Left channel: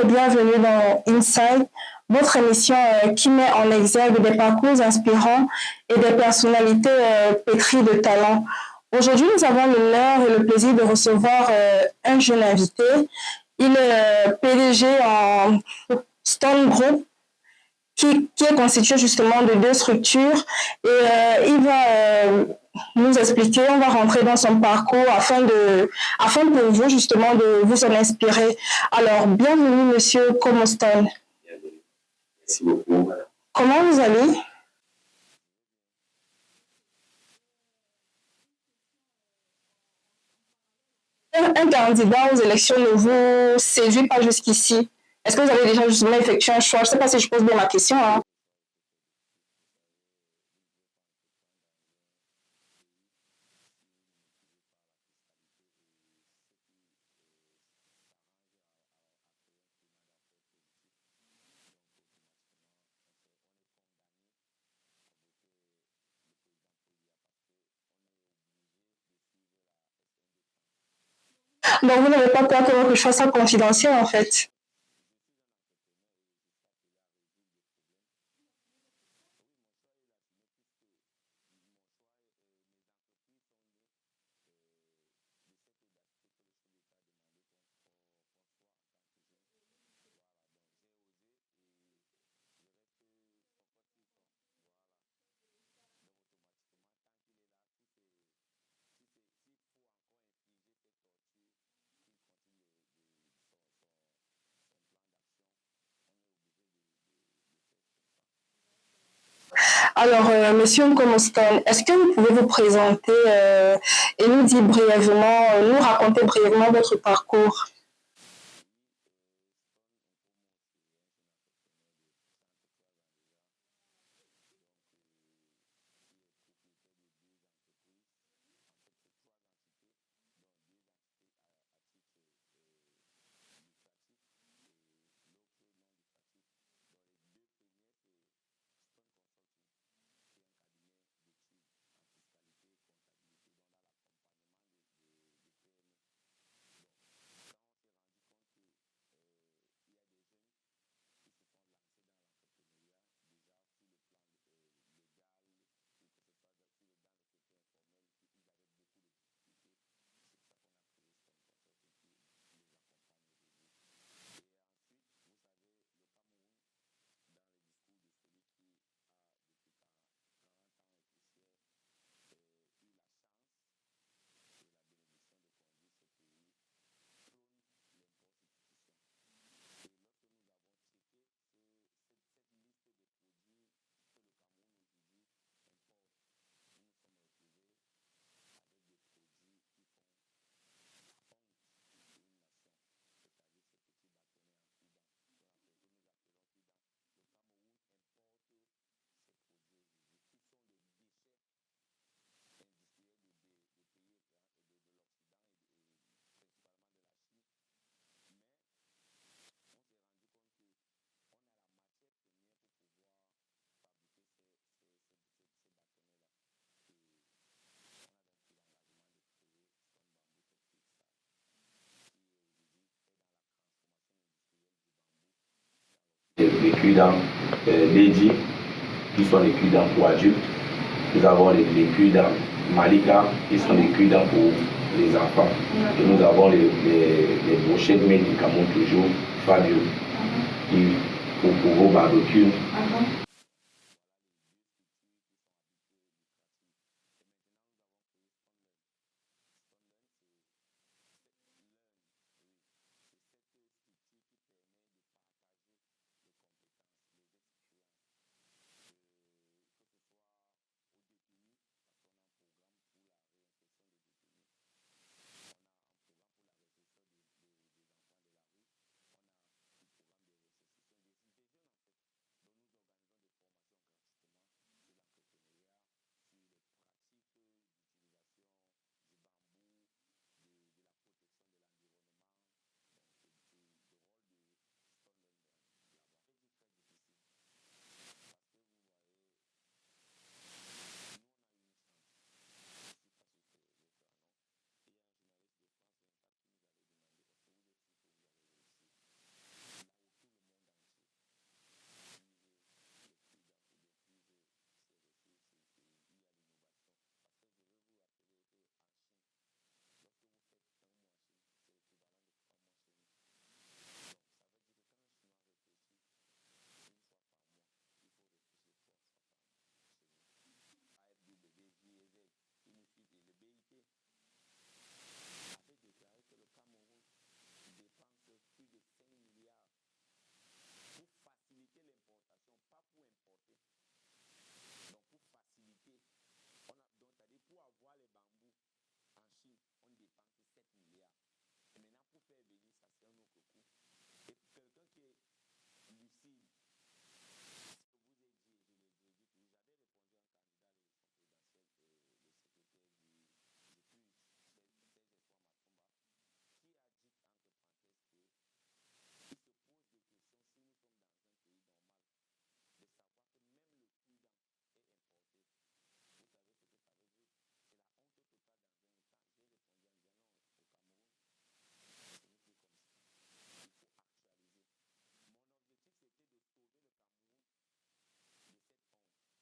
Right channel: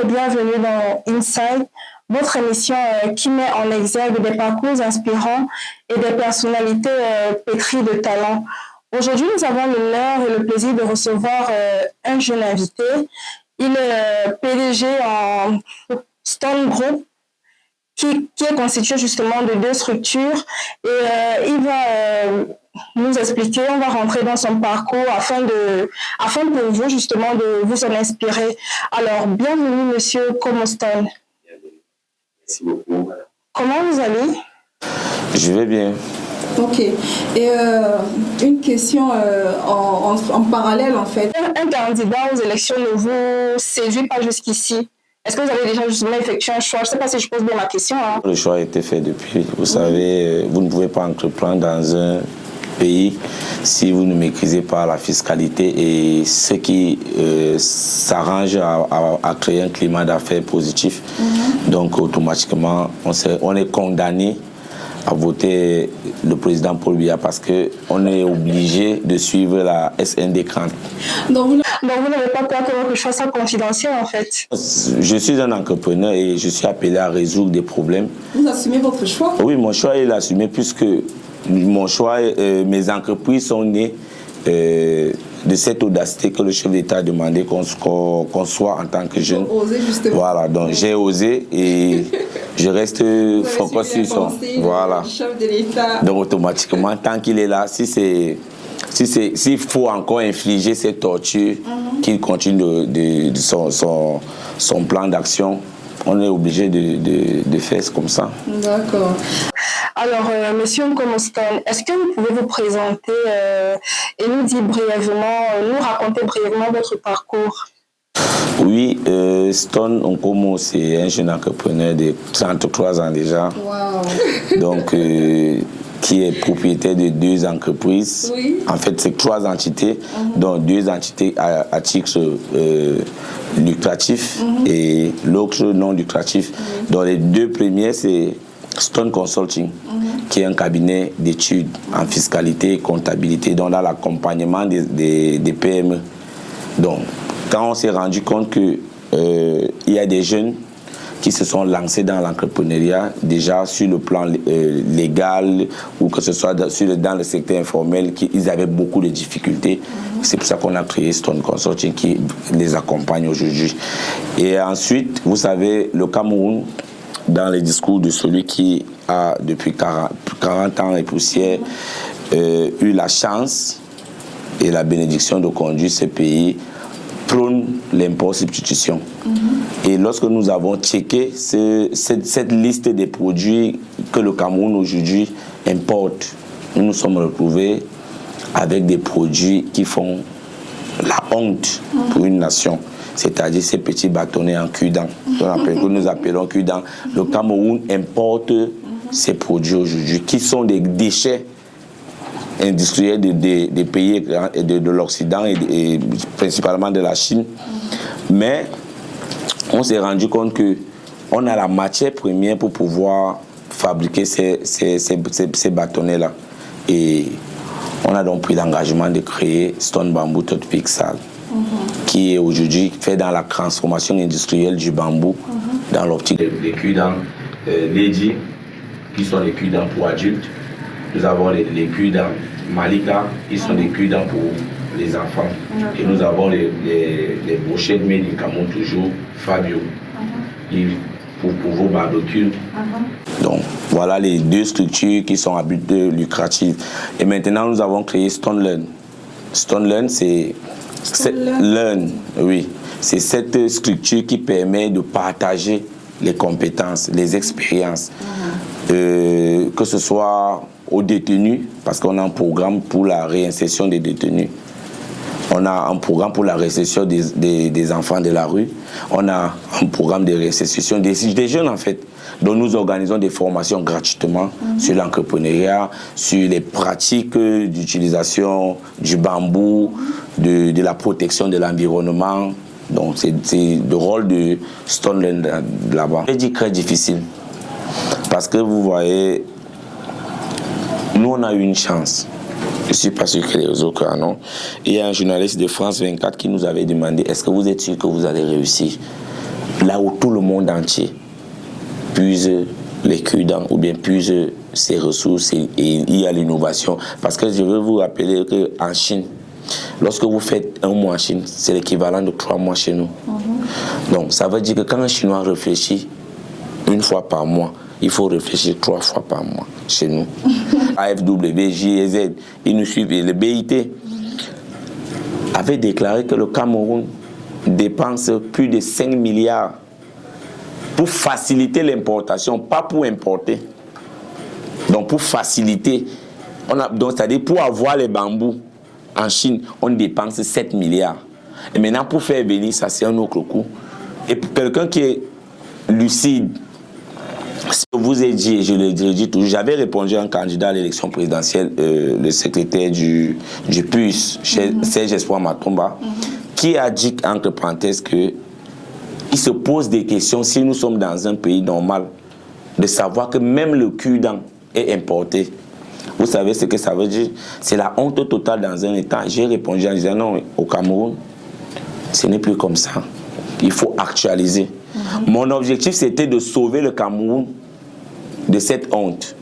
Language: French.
et bienvenue dans Inside, votre émission qui met en exergue des parcours inspirants et des personnalités pétries de talent. Aujourd'hui, nous avons l'honneur et le plaisir de recevoir un jeune invité. Il est PDG en Stone Group, qui est constitué justement de 2 structures. Et il va nous expliquer, on va rentrer dans son parcours afin pour vous justement de vous en inspirer. Alors, bienvenue Monsieur Komostone. Merci beaucoup. Comment vous allez? Je vais bien. Ok. Et une question en parallèle en fait. Un candidat aux élections ne vous séduit pas jusqu'ici? Est-ce que vous avez déjà justement effectué un choix? Je ne sais pas si je pose bien ma question. Hein. Le choix a été fait depuis. Vous savez, vous ne pouvez pas entreprendre dans un pays si vous ne maîtrisez pas la fiscalité et ce qui s'arrange à créer un climat d'affaires positif. Donc automatiquement, on est condamné à voter le président Paul Biya parce qu'on est obligé de suivre la SND-CRAN. Donc vous n'avez pas peur que votre choix soit confidentiel en fait? Je suis un entrepreneur et je suis appelé à résoudre des problèmes. Vous assumez votre choix? Oui, mon choix est assumé puisque mon choix, mes entreprises sont nées de cette audacité que le chef d'État a demandé qu'on soit en tant que jeune. Oser justement. Voilà, donc j'ai osé et je reste focus sur son. Voilà. Du chef de l'État. Donc automatiquement, tant qu'il est là, s'il faut encore infliger cette torture, qu'il continue de son plan d'action, on est obligé de faire comme ça. D'accord. Alors, Monsieur Komostone, est-ce que vous pouvez vous présenter et nous dire brièvement, nous raconter brièvement votre parcours? Oui, Stone Nkomo, c'est un jeune entrepreneur de 33 ans déjà. Wow. Donc, qui est propriétaire de 2 entreprises. Oui. En fait, c'est 3 entités, dont 2 entités à titre lucratif et l'autre non lucratif. Dans les 2 premiers, c'est Stone Consulting, qui est un cabinet d'études en fiscalité et comptabilité, donc dans l'accompagnement des PME. Donc, quand on s'est rendu compte qu'il y a des jeunes qui se sont lancés dans l'entrepreneuriat, déjà sur le plan légal ou que ce soit dans le secteur informel, ils avaient beaucoup de difficultés. C'est pour ça qu'on a créé Stone Consulting qui les accompagne aujourd'hui. Et ensuite, vous savez, le Cameroun, dans les discours de celui qui a depuis 40 ans et poussière eu la chance et la bénédiction de conduire ce pays, prône l'import-substitution. Et lorsque nous avons checké cette liste des produits que le Cameroun aujourd'hui importe, nous nous sommes retrouvés avec des produits qui font la honte pour une nation. C'est-à-dire ces petits bâtonnets en cul-dent, que nous appelons cul-dent. Le Cameroun importe ces produits aujourd'hui, qui sont des déchets industriels des pays de l'Occident et principalement de la Chine. Mais on s'est rendu compte qu'on a la matière première pour pouvoir fabriquer ces bâtonnets-là. Et on a donc pris l'engagement de créer Stone Bamboo Toothpick Sale, qui est aujourd'hui fait dans la transformation industrielle du bambou, dans l'optique des cure-dents Lady, qui sont les cure-dents pour adultes. Nous avons les cure-dents Malika, qui sont des cure-dents pour les enfants. Et nous avons les brochettes médicaments toujours Fabio, pour vos barbecues. Donc voilà les 2 structures qui sont à but lucratif. Et maintenant nous avons créé Stone Learn. Stone Learn, c'est cette structure qui permet de partager les compétences, les expériences, que ce soit aux détenus, parce qu'on a un programme pour la réinsertion des détenus. On a un programme pour la réinsertion des enfants de la rue. On a un programme de réinsertion des jeunes, en fait, dont nous organisons des formations gratuitement sur l'entrepreneuriat, sur les pratiques d'utilisation du bambou, de la protection de l'environnement. Donc, c'est le rôle de Stone Learn là-bas. Je dis très difficile, parce que vous voyez, nous, on a eu une chance. Je ne suis pas sûr que les autres en ont. Il y a un journaliste de France 24 qui nous avait demandé « Est-ce que vous êtes sûr que vous allez réussir ?» là où tout le monde entier puise les cure-dents ou bien puise ses ressources et il y a l'innovation. Parce que je veux vous rappeler qu'en Chine, lorsque vous faites un mois en Chine, c'est l'équivalent de 3 mois chez nous. Donc ça veut dire que quand un Chinois réfléchit une fois par mois, il faut réfléchir 3 fois par mois chez nous. AFW, JEZ, ils nous suivent. Et le BIT avait déclaré que le Cameroun dépense plus de 5 milliards pour faciliter l'importation, pas pour importer. Donc pour faciliter, donc c'est-à-dire pour avoir les bambous en Chine, on dépense 7 milliards. Et maintenant pour faire venir, ça c'est un autre coup. Et pour quelqu'un qui est lucide, ce que vous ai dit, et je le dis toujours, j'avais répondu à un candidat à l'élection présidentielle, le secrétaire du PUS, Serge Espoir Matomba, qui a dit, entre parenthèses, qu'il se pose des questions si nous sommes dans un pays normal, de savoir que même le cure-dent est importé. Vous savez ce que ça veut dire? C'est la honte totale dans un État. J'ai répondu en disant non, au Cameroun, ce n'est plus comme ça. Il faut actualiser. Mon objectif, c'était de sauver le Cameroun de cette honte.